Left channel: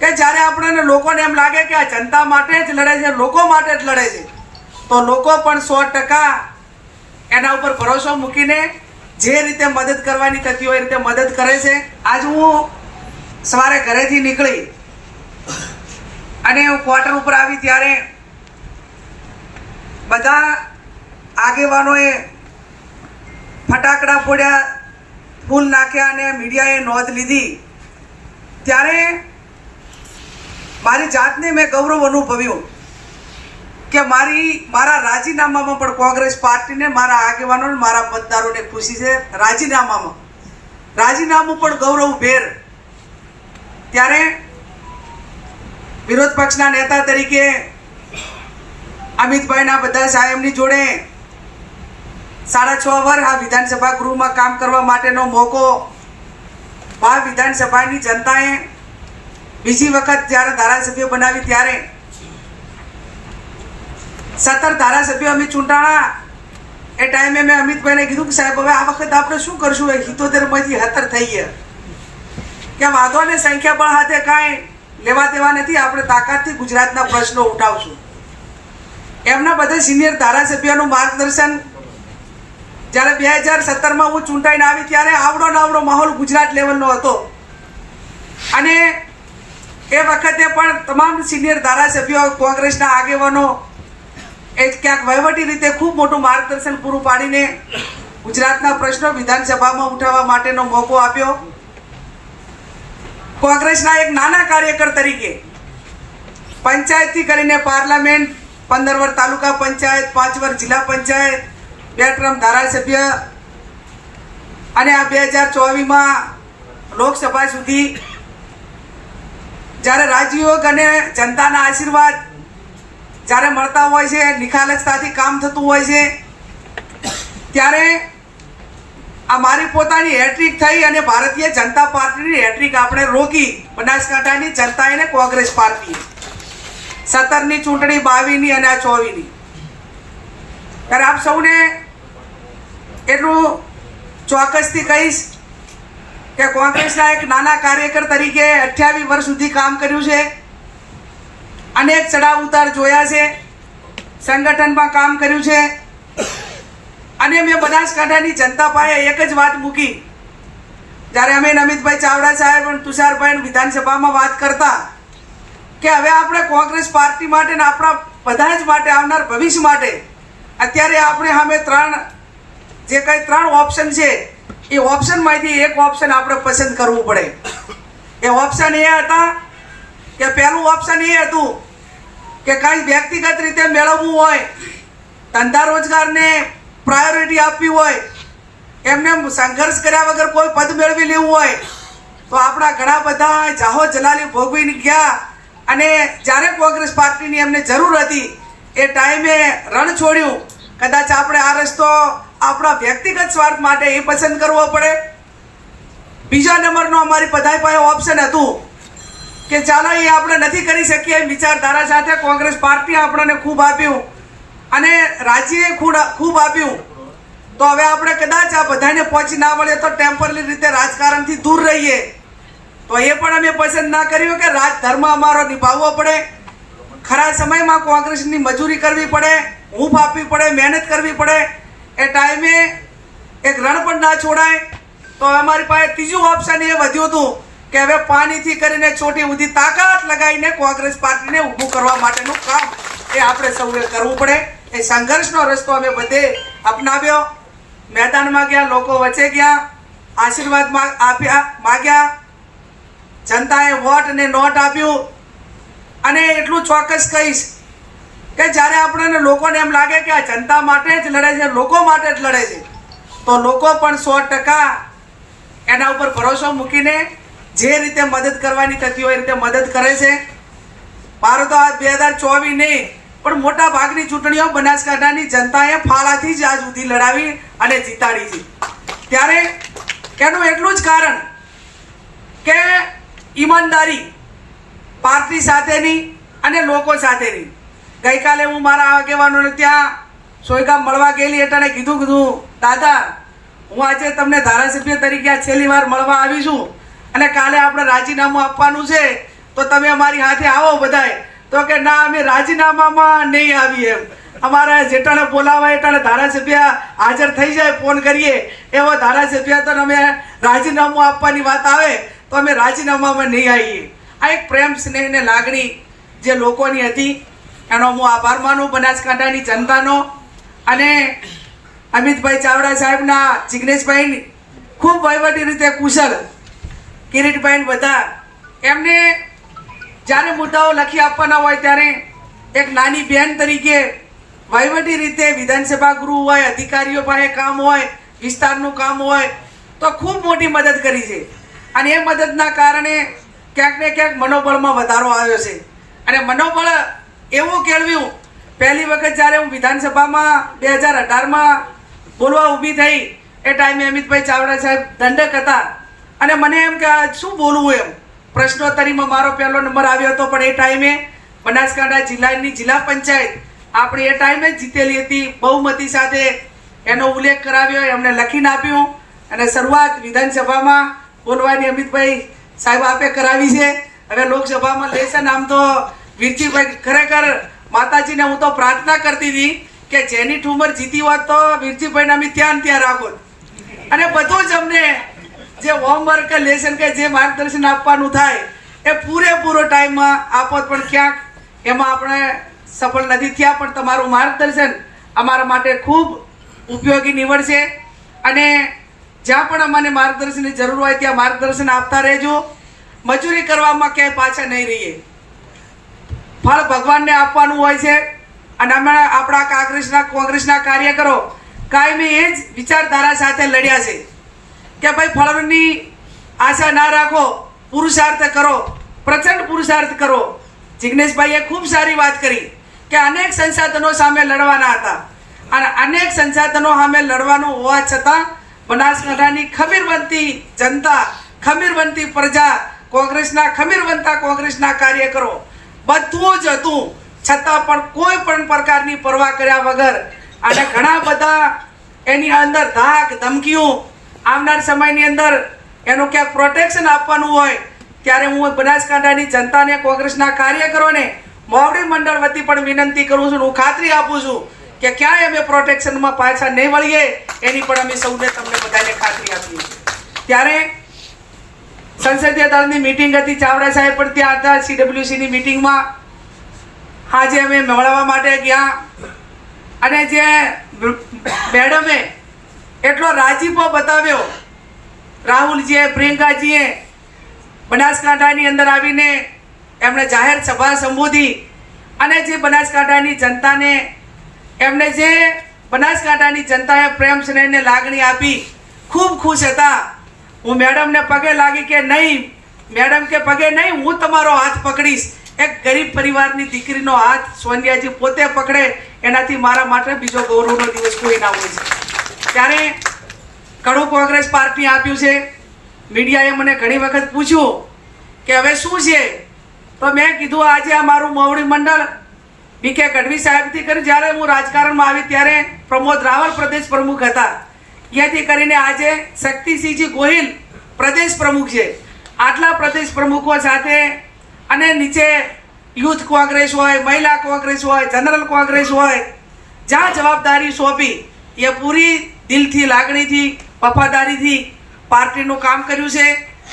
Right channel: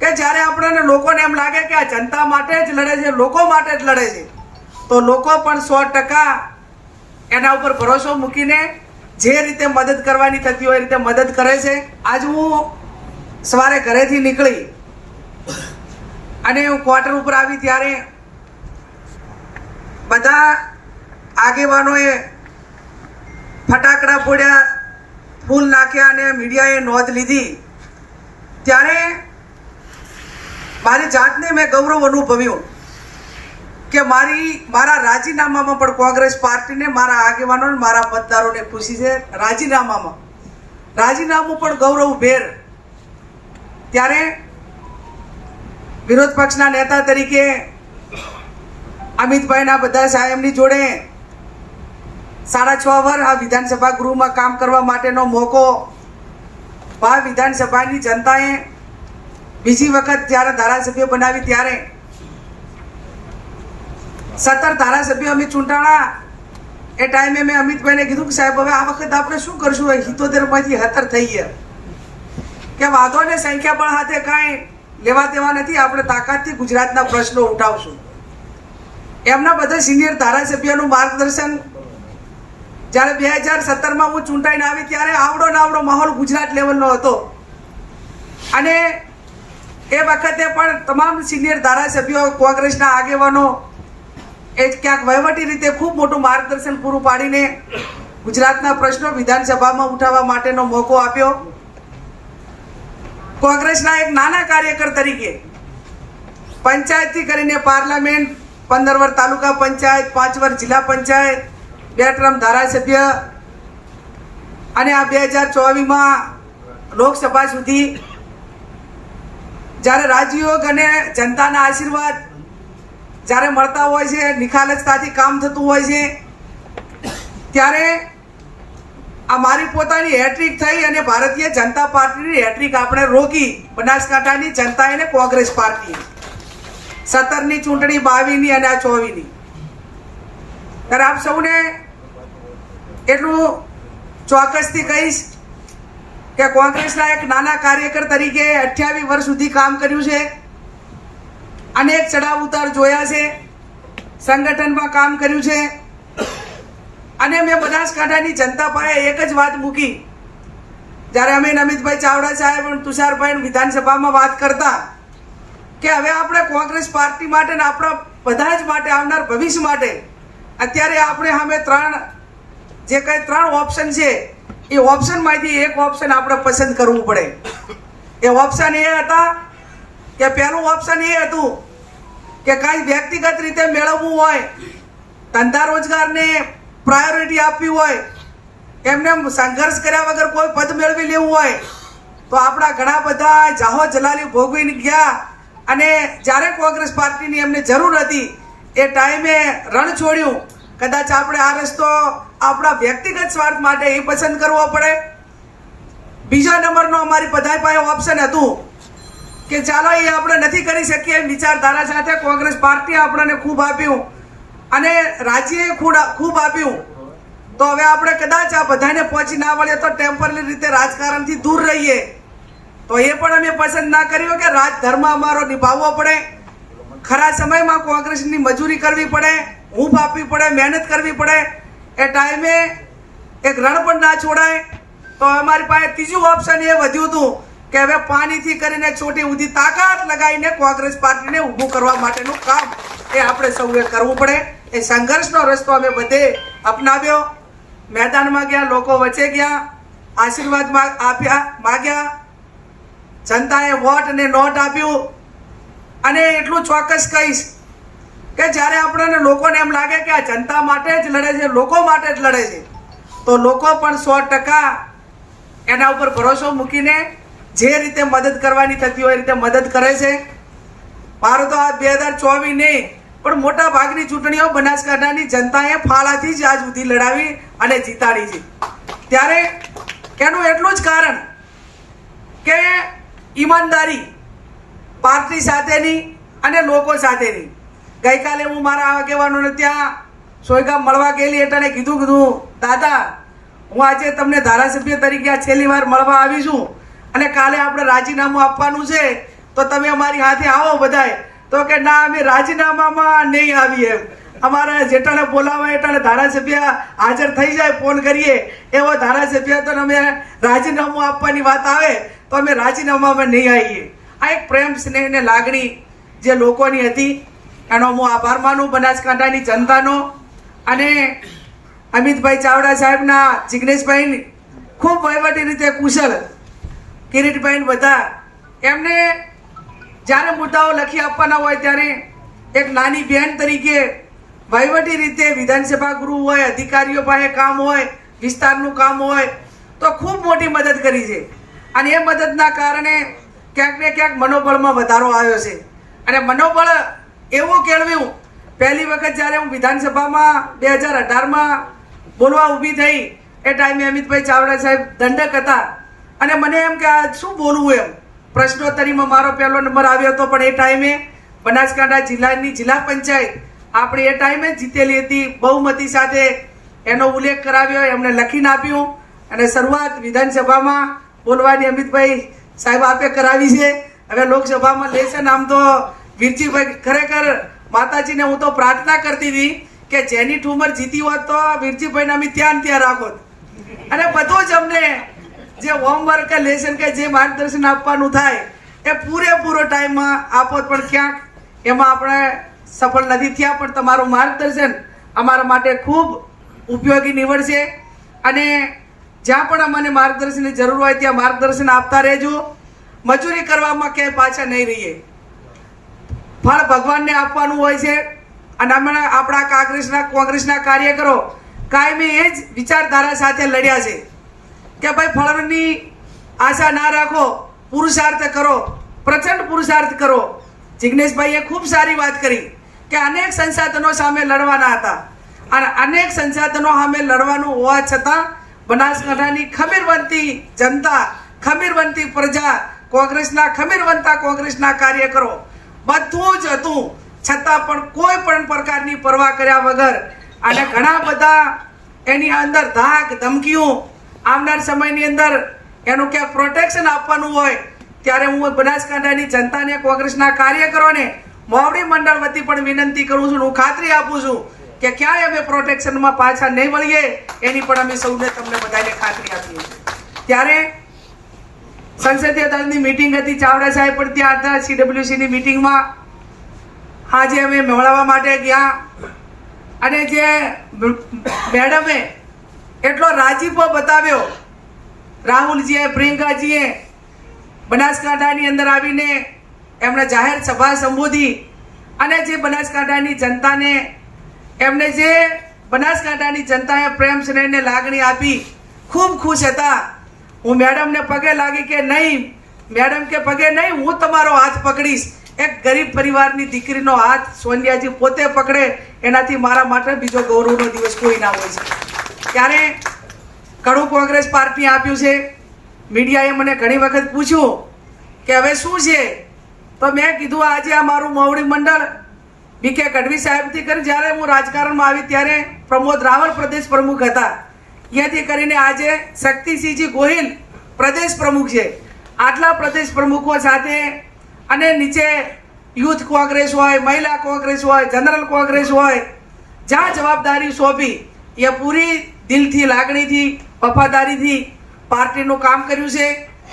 કે જ્યારે આપણને લોકોને એમ લાગે કે આ જનતા માટે જ લડે છે, લોકો માટે જ લડે છે, તો લોકો પણ 100% એના ઉપર ભરોસો મૂકીને જે રીતે મદદ કરવાની થતી હોય એ રીતે મદદ કરે છે. આજ હું સવારે ઘરેથી નીકળી અને હું ક્વાર્ટર ઉપર આવી ત્યારે બધા આગેવાનોએ ફટાકડા ફોડ્યા, ફૂલ નાખ્યા અને મીડિયાએ નોંધ લીધી. ત્યારે મારી જાતને મેં ગૌરવ અનુભવ્યું કે મારા રાજીનામામાં પણ કોંગ્રેસ પાર્ટીને, મારા આગેવાનોને, મારા મતદારોને ખુશી છે. રાજીનામું પણ ગૌરવભેર. ત્યારે વિરોધ પક્ષના નેતા તરીકે અમિતભાઈના બધા સાહેબની જોડે 6.5 વર્ષ આ વિધાનસભા ગૃહમાં કામ કરવા માટેનો મોકો આ વિધાનસભાની જનતાએ બીજી વખત જ્યારે ધારાસભ્ય બનાવી ત્યારે 17 ધારાસભ્યો અમે ચૂંટાણા. એ ટાઈમે મેં અમિતભાઈને કીધું કે સાહેબ હવે આ વખત આપણે શું કરશું? 78માંથી 17 થઈ ગયા કે વાંધો ને, સંખ્યાબળ સાથે કાંઈ લેવા દેવા નથી, આપણે તાકાતથી ગુજરાતના પ્રશ્નો ઉઠાવશું. એમના બધા સિનિયર ધારાસભ્યોનું માર્ગદર્શન જ્યારે 2017માં હું ચૂંટાઈને આવી ત્યારે આવડો માહોલ ગુજરાત લેવલનો હતો. અને એ વખતે પણ તમામ સિનિયર ધારાસભ્યો, કોંગ્રેસના આગેવાનો એ ક્યાંક વહીવટી રીતે ખૂબ મોટું માર્ગદર્શન પૂરું પાડીને ગુજરાતના પ્રશ્નો વિધાનસભામાં ઉઠાવવા માટેનો મોકો આપ્યો. કોંગ્રેસના એક નાના કાર્યકર તરીકે પંચાયતથી કરીને પાર્લામેન્ટ, 15 વર્ષ તાલુકા પંચાયત, 5 વર્ષ જિલ્લા પંચાયત, 2 ટર્મ ધારાસભ્ય અને આ 2024માં લોકસભા સુધી જ્યારે રાજયોગ અને જનતાના આશીર્વાદ જ્યારે મળતા હોય છે, નિખાલસતાથી કામ થતું હોય છે, ત્યારે આ મારી પોતાની હેટ્રિક થઈ અને ભારતીય જનતા પાર્ટીની હેટ્રિક આપણે રોકી. બનાસકાંઠાની જનતાએ ને કોંગ્રેસ પાર્ટીએ 17ની ચૂંટણી, 22ની અને આ 24ની. ત્યારે આપ સૌને એટલું ચોક્કસથી કહીશ કે કોંગ્રેસના એક નાના કાર્યકર તરીકે 28 વર્ષ સુધી કામ કર્યું છે, અનેક ચડાવ ઉતાર જોયા છે, સંગઠનમાં કામ કર્યું છે. અને મેં બનાસકાંઠાની જનતા પાસે એક જ વાત મૂકી જ્યારે અમે અમિતભાઈ ચાવડા સાહેબ અને તુષારભાઈ વિધાનસભામાં વાત કરતા કે હવે આપણે કોંગ્રેસ પાર્ટી માટે ને આપણા બધા જ માટે, આવનાર ભવિષ્ય માટે અત્યારે આપણે સામે 3 ઓપ્શન છે, એ ઓપ્શનમાંથી એક ઓપ્શન આપણે પસંદ કરવું પડે. એ ઓપ્શન એ હતા કે પહેલું ઓપ્શન એ હતું કે કાંઈ વ્યક્તિગત રીતે મેળવવું હોય, ધંધા રોજગારને પ્રાયોરિટી આપવી હોય, એમને સંઘર્ષ કર્યા વગર કોઈ પદ મેળવી લેવું હોય તો આપણા ઘણા બધા જાહો જલાલી ભોગવીને ગયા. અને જ્યારે કોંગ્રેસ પાર્ટીની એમને જરૂર હતી એ ટાઈમે રણ છોડ્યું. કદાચ આપણે આ રસ્તો આપણા વ્યક્તિગત સ્વાર્થ માટે એ પસંદ કરવો પડે. બીજા નંબરનો અમારી બધા પાસે ઓપ્શન હતું કે ચાલો એ આપણે નથી કરી શકીએ વિચારધારા સાથે. કોંગ્રેસ પાર્ટી આપણને ખૂબ આપ્યું અને રાજ્યએ ખૂબ આપ્યું, તો હવે આપણે કદાચ આ બધાને પહોંચી ના વળે તો ટેમ્પરરી રીતે રાજકારણથી દૂર રહીએ. તો એ પણ અમે પસંદ ના કર્યું કે રાજધર્મ અમારો નિભાવવો પડે, ખરા સમયમાં કોંગ્રેસની મજૂરી કરવી પડે, હૂંફ આપવી પડે, મહેનત કરવી પડે. એ ટાઈમે એક રણ પણ ના છોડાય. તો અમારી પાસે ત્રીજું ઓપ્શન એ વધ્યું હતું કે હવે પાણીથી કરીને ચોટી સુધી તાકાત લગાવીને કોંગ્રેસ પાર્ટીને ઊભું કરવા માટેનું કામ એ આપણે સૌએ કરવું પડે. એ સંઘર્ષનો રસ્તો અમે બધે અપનાવ્યો. મેદાનમાં ગયા, લોકો વચ્ચે ગયા, આશીર્વાદ માગ્યા, જનતાએ વોટ અને નોટ આપ્યું. અને એટલું ચોક્કસ કહીશ કે જ્યારે આપણને લોકોને એમ લાગે કે આ જનતા માટે જ લડે છે, લોકો માટે જ લડે છે, તો લોકો પણ 100% એના ઉપર ભરોસો મૂકીને જે રીતે મદદ કરવાની થતી હોય એ રીતે મદદ કરે છે. મારો તો આ 2024 નહીં પણ મોટા ભાગની ચૂંટણીઓ બનાસકાંઠાની જનતાએ ફાળાથી જ આજ સુધી લડાવી અને જીતાડી છે. ત્યારે એનું એટલું જ કારણ કે ઈમાનદારી પાર્ટી સાથેની અને લોકો સાથેની. ગઈકાલે હું મારા આગેવાનોને ત્યાં સોયગામ મળવા ગયેલી એટલે કીધું દાદા હું આજે તમને ધારાસભ્ય તરીકે આ છેલ્લી વાર મળવા આવી છું અને કાલે આપણે રાજીનામું આપવાનું છે, તો તમે અમારી હાથે આવો બધાય. તો કે ના, અમે રાજીનામામાં નહીં આવીએ એમ. અમારા જેટાણે બોલાવા એટાણે ધારાસભ્ય હાજર થઈ જાય, ફોન કરીએ એવો ધારાસભ્ય તો અમે રાજીનામું આપવાની વાત આવે તો અમે રાજીનામામાં નહીં આવીએ. આ એક પ્રેમ સ્નેહ ને લાગણી જે લોકોની હતી એનો હું આભાર માનું બનાસકાંઠાની જનતાનો. અને અમિતભાઈ ચાવડા સાહેબના, જિગ્નેશભાઈ ખૂબ વહીવટી રીતે કુશળ, કિરીટભાઈ બધા એમને જ્યારે મુદ્દાઓ લખી આપવાના હોય ત્યારે એક નાની બહેન તરીકે વહીવટી રીતે વિધાનસભા ગૃહ હોય, અધિકારીઓ પાસે કામ હોય, વિસ્તારનું કામ હોય તો ખૂબ મોટી મદદ કરી છે. અને એ મદદના કારણે ક્યાંક ને ક્યાંક મનોબળમાં વધારો આવ્યો છે. અને મનોબળ એવું કેળવ્યું, પહેલી વખત જ્યારે હું વિધાનસભામાં 2018માં બોલવા ઊભી થઈ એ ટાઈમે અમિતભાઈ ચાવડા સાહેબ દંડક હતા અને મને એમ કે શું બોલવું એમ. પ્રશ્નોત્તરીમાં મારો પહેલો નંબર આવ્યો હતો, પણ એ ટાઈમે બનાસકાંઠા જિલ્લાની જિલ્લા પંચાયત આપણે એ ટાઈમે જ જીતેલી હતી બહુમતી સાથે. એનો ઉલ્લેખ કરાવ્યો, એમને લખીને આપ્યું અને શરૂઆત વિધાનસભામાં બોલવાની અમિતભાઈ સાહેબ આપે કરાવી છે. હવે લોકસભામાં લેશે ને આમ તો વીરજીભાઈ ખરેખર માતાજીને હું તો પ્રાર્થના કરતી હતી કે જેની ઠુમર જીતી હોત તો વીરજીભાઈને અમે ત્યાં રાખો અને બધું જ અમને જે હોમવર્ક કે લેસન કે જે માર્ગદર્શન આપવાનું થાય એ પૂરેપૂરો ટાઈમમાં આપો. પણ ક્યાંક એમાં આપણે સફળ નથી થયા, પણ તમારું માર્ગદર્શન અમારા માટે ખૂબ ઉપયોગી નીવડશે. અને જ્યાં પણ અમને માર્ગદર્શનની જરૂર હોય ત્યાં માર્ગદર્શન આપતા રહેજો. મજૂરી કરવામાં ક્યાંય પાછા નહીં રહીએ. ફળ ભગવાનને આપવાનું હોય છે. અને અમે આપણા કોંગ્રેસના કાર્યકરો કાયમી એ જ વિચારધારા સાથે લડ્યા છે કે ભાઈ ફળની આશા ના રાખો, પુરુષાર્થ કરો, પ્રચંડ પુરુષાર્થ કરો. જિગ્નેશભાઈએ ખૂબ સારી વાત કરી કે અનેક સંસાધનો સામે લડવાના હતા અને અનેક સંસાધનો સામે લડવાનું હોવા છતાં બનાસકાંઠાની ખમીરવંતી જનતા, ખમીરવંતી પ્રજા, ખમીરવંતા કોંગ્રેસના કાર્યકરો બધું જ હતું, છતાં પણ કોઈ પણ પ્રકારની પરવા કર્યા વગર અને ઘણા બધા એની અંદર ધાક ધમકીઓ આવનાર સમયની અંદર એનું ક્યાંક પ્રોટેક્શન આપવાનું હોય ત્યારે હું બનાસકાંઠાની જનતાને, કોંગ્રેસના કાર્યકરોને મોવડી મંડળ વતી પણ વિનંતી કરું છું. હું ખાતરી આપું છું કે ક્યાંય અમે પ્રોટેક્શનમાં પાછા નહીં વળીએ એની પણ અમે સૌને તમને બધાને ખાતરી આપીએ છીએ. ત્યારે સંસદીય દળની મિટિંગ હતી, ચાવડા સાહેબ પણ ત્યાં હતા CWCની મિટિંગમાં. આજે અમે મળવા માટે ગયા અને જે મેડમે એટલો રાજીપો બતાવ્યો, રાહુલજીએ, પ્રિયંકાજીએ બનાસકાંઠાની અંદર આવીને એમણે જાહેર સભા સંબોધી અને જે બનાસકાંઠાની જનતાને એમને જે બનાસકાંઠાની જનતાએ પ્રેમ સ્નેહને લાગણી આપી, ખૂબ ખુશ હતા. હું મેડમને પગે લાગી કે નહીં મેડમ કે પગે નહીં, હું તમારો હાથ પકડીશ. એક ગરીબ પરિવારની દીકરીનો હાથ સોનિયાજી પોતે પકડે એનાથી મારા માટે બીજો ગૌરવનો દિવસ કોઈ ના હોય છે. ત્યારે ઘણું કોંગ્રેસ પાર્ટી આપ્યું છે. મીડિયાએ મને ઘણી વખત પૂછ્યું કે હવે શું છે, તો મેં કીધું આજે આ મારું મોવડી મંડળ BK ગઢવી સાહેબથી કરી જ્યારે હું રાજકારણમાં આવી ત્યારે પ્રમોદ રાવલ પ્રદેશ પ્રમુખ હતા, ત્યાંથી કરીને આજે શક્તિસિંહજી ગોહિલ પ્રદેશ પ્રમુખ છે. આટલા પ્રદેશ પ્રમુખો સાથે અને નીચે યુથ કોંગ્રેસ હોય, મહિલા કોંગ્રેસ હોય, જનરલ કોંગ્રેસ હોય, જ્યાં જવાબદારી સોંપી એ પૂરી દિલથી, લાગણીથી, વફાદારીથી પાર્ટીનું કામ કર્યું છે.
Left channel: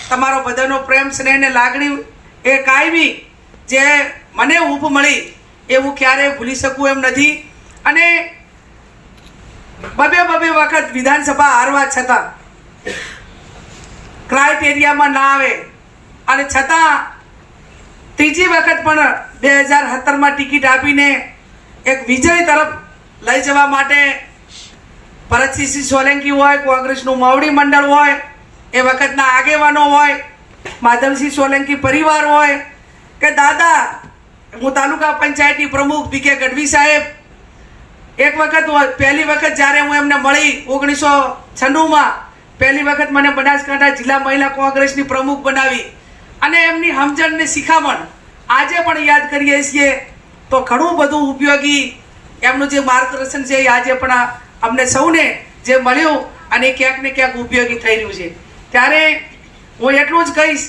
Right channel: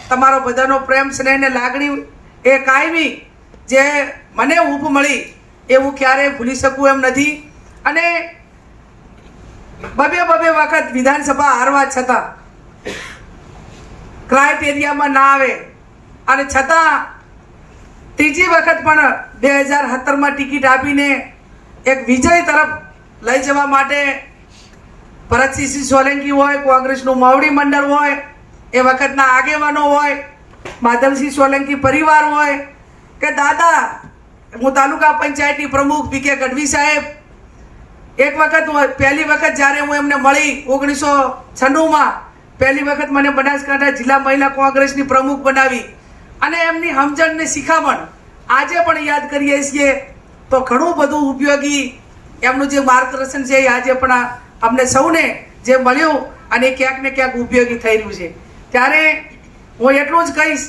તમારો બધાનો પ્રેમ સ્નેહ ને લાગણી એ કાયમી જે મને ઊભ મળી એ હું ક્યારેય ભૂલી શકું એમ નથી. અને બબે વખત વિધાનસભા હારવા છતાં ક્રાઇટેરિયામાં ના આવે અને છતાં ત્રીજી વખત પણ 2017માં ટિકિટ આપીને એક વિજય તરફ લઈ જવા માટે ભરતસિંહ સોલંકી હોય, કોંગ્રેસનું મોવડી મંડળ હોય, એ વખતના આગેવાનો હોય, માધવસિંહ સોલંકી પરિવાર હોય કે દાદા, હું તાલુકા પંચાયતની પ્રમુખ BK ગઢવી સાહેબ, એક વખત પહેલી વખત જ્યારે હું એમને મળી 1996માં પહેલી વખત મને બનાસકાંઠા જિલ્લા મહિલા કોંગ્રેસની પ્રમુખ બનાવી અને એમની સમજણ ને શિખામણ આજે પણ યાદ કરીએ છીએ તો ઘણું બધું ઉપયોગી એમનું જે માર્ગદર્શન છે એ આજે પણ અમને સૌને જે મળ્યું અને ક્યાંક ને ક્યાંક ઉપયોગી થઈ રહ્યું છે. ત્યારે હું એટલું જ કહીશ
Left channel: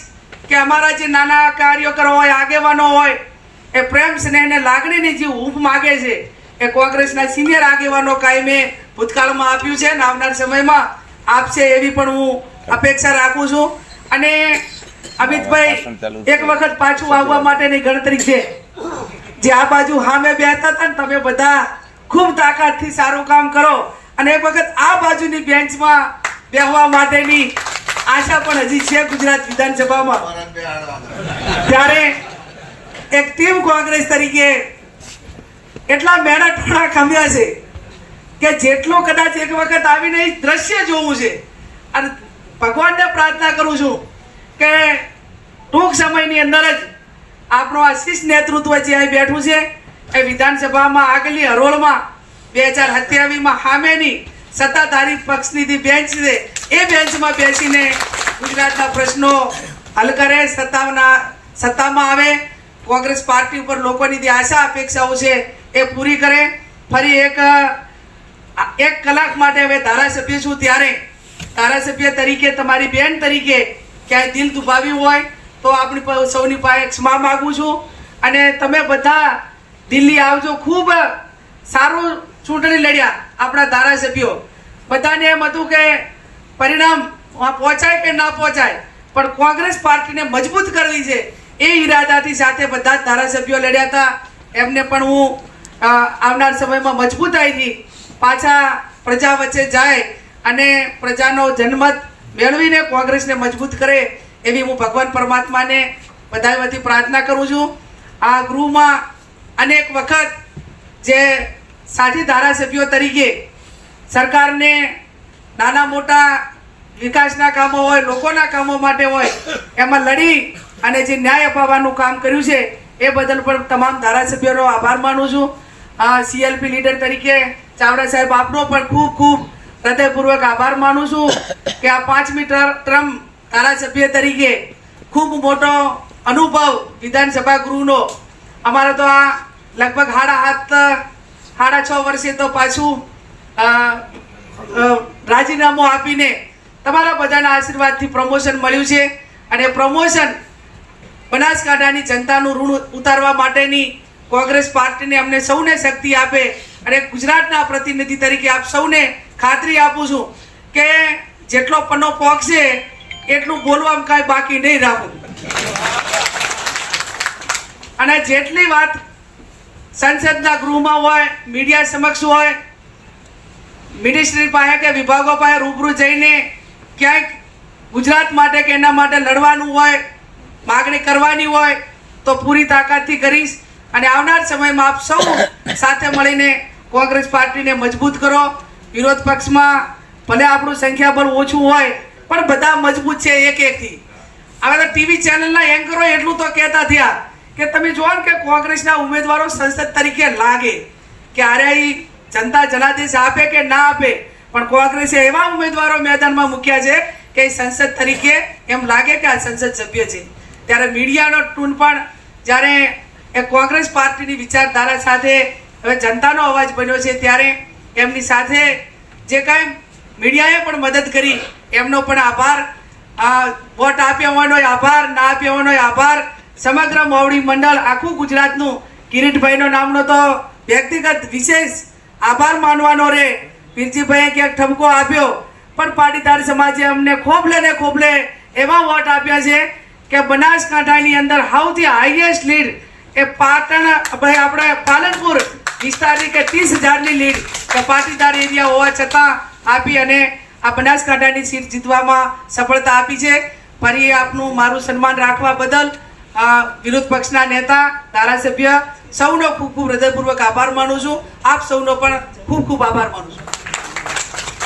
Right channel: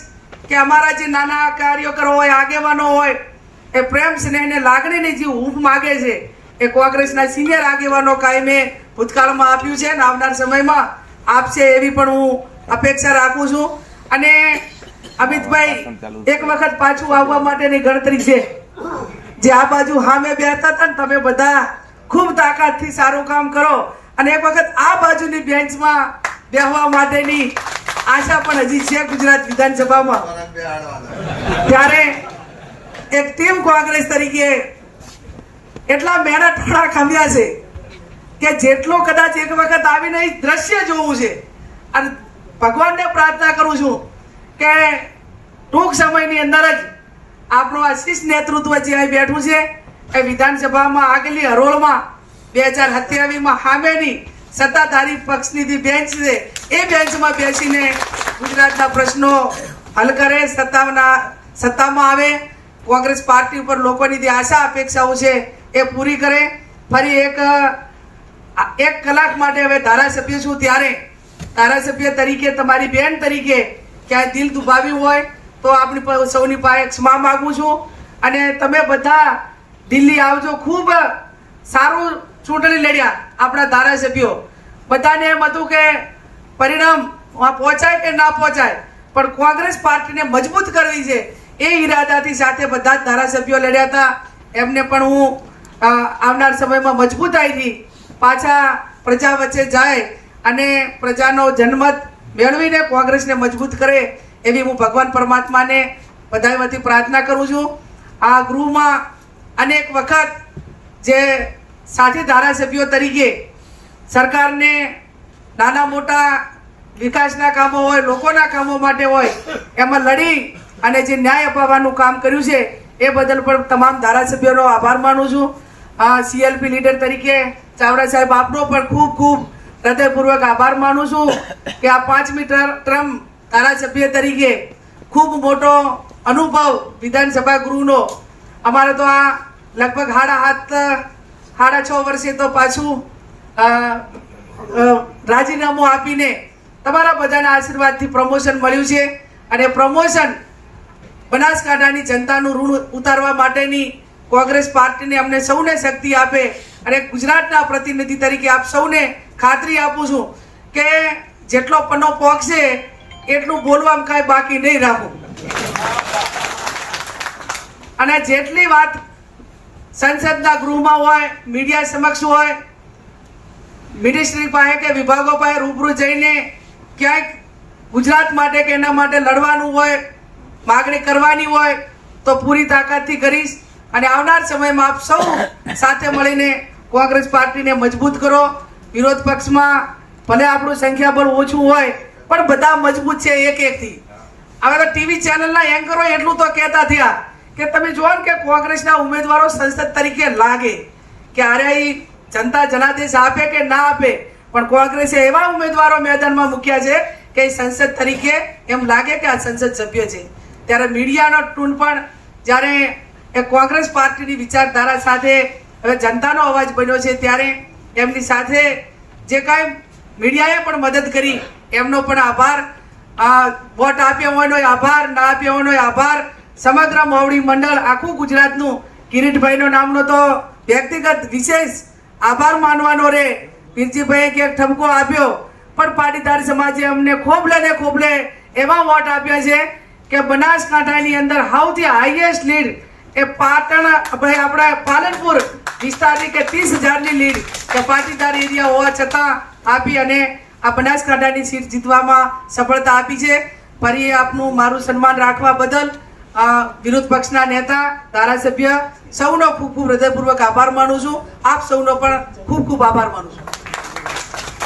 કે અમારા જે નાના કાર્યકરો હોય, આગેવાનો હોય, એ પ્રેમ સ્નેહ ને લાગણીની જે હૂંફ માગે છે એ કોંગ્રેસના સિનિયર આગેવાનો કાયમે ભૂતકાળમાં આપ્યું છે અને આવનાર સમયમાં આપશે એવી પણ હું અપેક્ષા રાખું છું. અને અમિતભાઈ એક વખત પાછું આવવા માટેની ગણતરી છે. જે આ બાજુ સામે બેઠા હતા ને તમે બધા ખૂબ તાકાતથી સારું કામ કરો અને એક વખત આ બાજુની બેન્ચમાં બેસવા માટેની આશા પણ હજી છે ગુજરાત વિધાનસભામાં. ત્યારે એક ટીમ કોંગ્રેસ તરીકે એટલા મહેનતવાળા ખમ્યા છે કે જેટલો કદાચ એક વખત આવીને દ્રશ્ય જોવું છે. અને ભગવાનને પ્રાર્થના કરું છું કે ટૂંક સમયની અંદર જ આપણો આ શીર્ષ નેતૃત્વ જે અહીં બેઠું છે એ વિધાનસભામાં આગળની હરોળમાં 2027માં સામેની સત્તાધારી પક્ષની જે બેન્ચ છે એ બેન્ચમાં બેસીને ગુજરાતના પ્રશ્નો હલ કરે, સત્તામાં આવે, કોંગ્રેસ પાર્ટી ઉપર લોકોની જે આશા અપેક્ષાઓ છે એ પૂરી કરે. ફરી એક કલાક માટે હવે ધારાસભ્ય છું, ત્યારે ધારાસભ્ય તરીકે તમારી બેન તરીકે ક્યાંય દિલ દુભાવ્યું હોય તો આપણી સૌની પાસે ક્ષમા માગું છું. અને તમે બધા દિલ્હી આવજો. ખૂબ સારું ચૂંટણી લડ્યા આપણા ધારાસભ્યો. બધાને એમ હતું કે પરિણામ પહોંચાય કે ના પહોંચાય, પણ કોંગ્રેસ પાર્ટીને મજબૂત કરવી છે એ ઈરાદાથી સાથે બધા જ ધારાસભ્યો લડ્યા હતા. એમને પણ હું આવનાર સમયમાં મજબૂતાઈથી પાછા પ્રજા વચ્ચે જાય અને પ્રજાનો જનમત મેળવીને કોંગ્રેસને મજબૂત કરે એવી હું ભગવાન પરમાત્માને બધા વતી પ્રાર્થના કરું છું. આ ગૃહમાં અનેક વખત જે સાથી ધારાસભ્યો તરીકે સરકારને નાના મોટા વિકાસના કામો હોય, લોકોના કામો માટે હોય, એમાં લડી અને જે ન્યાય અપાવવાનું કામ કર્યું છે એ બદલ પણ તમામ ધારાસભ્યોનો આભાર માનું છું. CLP લીડર તરીકે ચાવડા સાહેબ આપનો પણ ખૂબ ખૂબ હૃદયપૂર્વક આભાર માનું છું કે આ 5મી ટર્મ ધારાસભ્ય તરીકે ખૂબ મોટો અનુભવ વિધાનસભા ગૃહનો. અમારે તો આ લગભગ 6.5 વર્ષે તો પાછું રાજીનામું આપીને તમારા બધાના આશીર્વાદથી પ્રમોશન મળ્યું છે. અને પ્રમોશન બનાસકાંઠાની જનતાનું ઋણ ઉતારવા માટેની કોંગ્રેસ પાર્ટીને અમને સૌને શક્તિ આપે. અને ગુજરાતના પ્રતિનિધિ તરીકે આપ સૌને ખાતરી આપું છું કે જેટલો પન્નો પોકશે એટલું બોલવામાં કાંઈ બાકી નહીં રાખું. અને જેટલી વાત સંસદના ગૃહમાં હોય, મીડિયા સમક્ષ હોય, મિનિસ્ટ્રી પાસે કે વિભાગો પાસે રૂબરૂ જઈને ક્યાંક ગુજરાત માટે કે એના માટે લડવાનું હોય, માગણી કરવાની હોય તો પૂરી તાકાતથી કરીશ. અને આવનાર સમયમાં આપ સૌ સાથે મળીને કોંગ્રેસ પાર્ટીને મજબૂત કરો. વિરોધ પક્ષમાં ભલે આપણું સંખ્યાબળ ઓછું હોય પણ બધા મજબૂત છે એક એકથી. હવે તો ટીવી ચેનલના એન્કરો એટલું તો કહેતા થયા કે તમે જુઓ ને કે કોંગ્રેસના ઉમેદવારો સંસદ તરીકે લાગે કે અરે જનતા જનાદેશ આપે કે ના આપે, પણ કોંગ્રેસે એવા ઉમેદવારો મેદાનમાં મૂક્યા છે કે સંસદ તરીકે એમ લાગે કે આ સંસદ સભ્ય છે. ત્યારે મીડિયાનો ટૂન પણ જ્યારે એ કોંગ્રેસ પાર્ટીની વિચારધારા સાથે હવે જનતાનો અવાજ બન્યો છે ત્યારે એમની સાથે જે કાંઈ મીડિયાએ પણ મદદ કરી એમનો પણ આભાર. વોટ આપ્યા હોવાનો આભાર, ના આપ્યા હોવાનો આભાર. સમગ્ર મોવડી મંડળ આખું ગુજરાતનું કિરીટભાઈનો નામનો તો વ્યક્તિગત વિશેષ આભાર માનવાનો રે. પીરજીભાઈએ ક્યાંક ઠપકો આપ્યો પણ પાટીદાર સમાજે અમને ખોબલે ને ખોબલે એવા વોટ આપ્યા છે કે બનાસકાંઠાની અંદર સૌથી હાઈએસ્ટ લીડ એ પાટણ આપણા પાલનપુર વિસ્તારની કે 30,000ની લીડ કે પાટીદાર એરિયા હોવા છતાં આપી અને આ બનાસકાંઠાની સીટ જીતવામાં સફળતા આપી છે. ફરી આપનું મારું સન્માન રાખવા બદલ વિરોધ પક્ષના નેતા, ધારાસભ્ય સૌનો ખૂબ ખૂબ હૃદયપૂર્વક આભાર માનું છું. આપ સૌનો પણ ખૂબ ખૂબ આભાર માનું છું.